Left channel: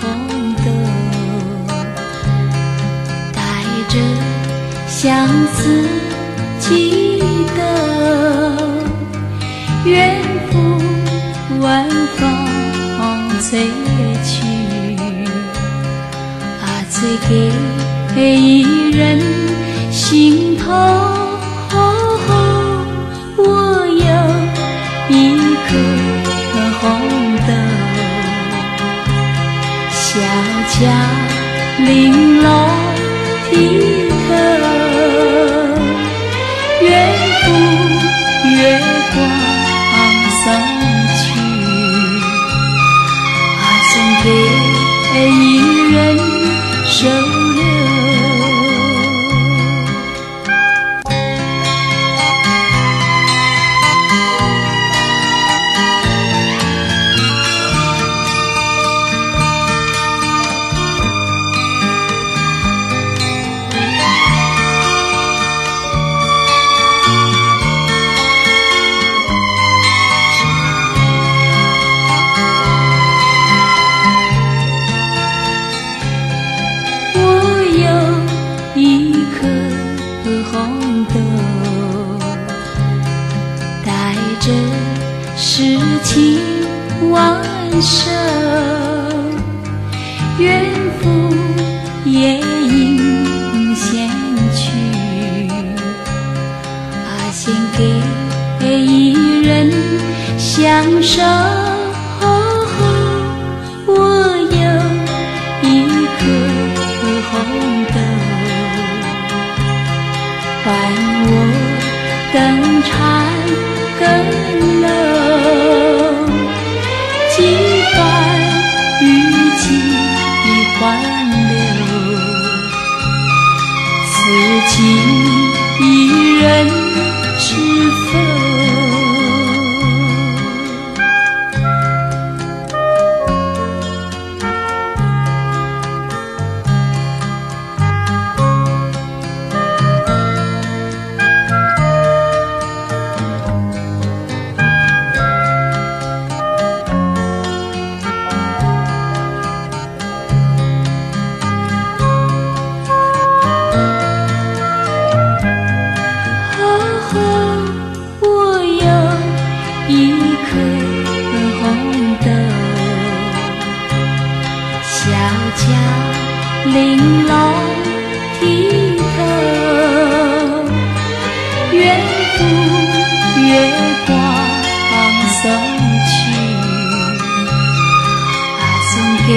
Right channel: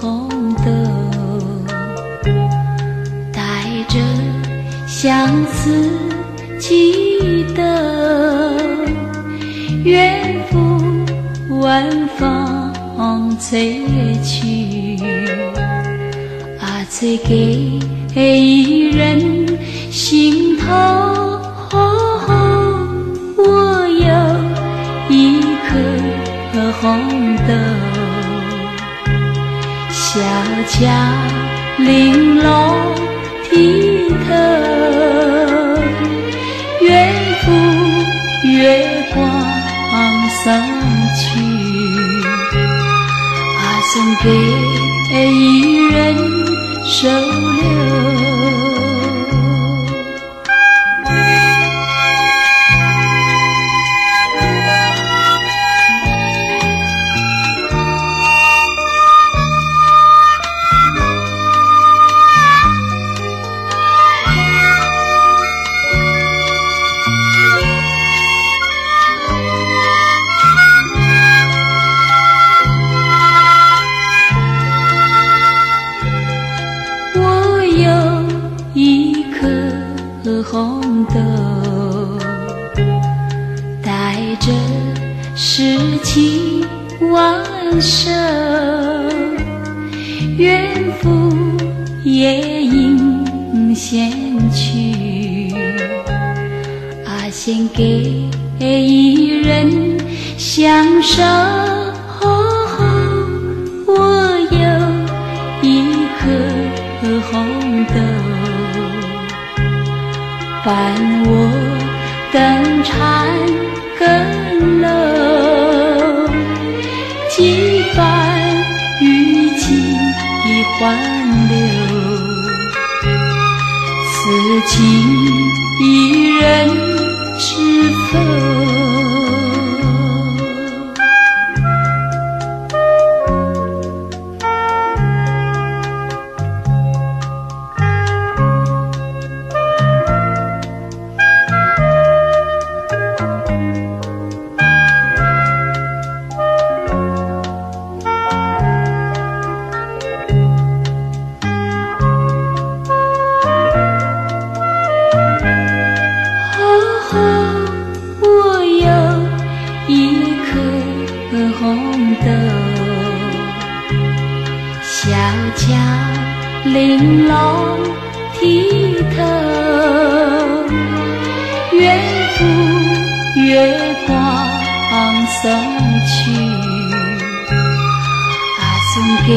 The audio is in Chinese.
红豆，带着相思祈祷，远赴晚风吹去，吹给一人心头。我有一颗红豆，小巧玲珑剔透，远赴月光送去，送给一人收留。红豆带着诗情万首，远赴夜莺献去，献给一人相守。我有一颗红豆，伴我登谗登楼，几番雨季欢流，此情一人知否？我有一颗红豆，小巧玲珑剔透，远赴月光送去，送给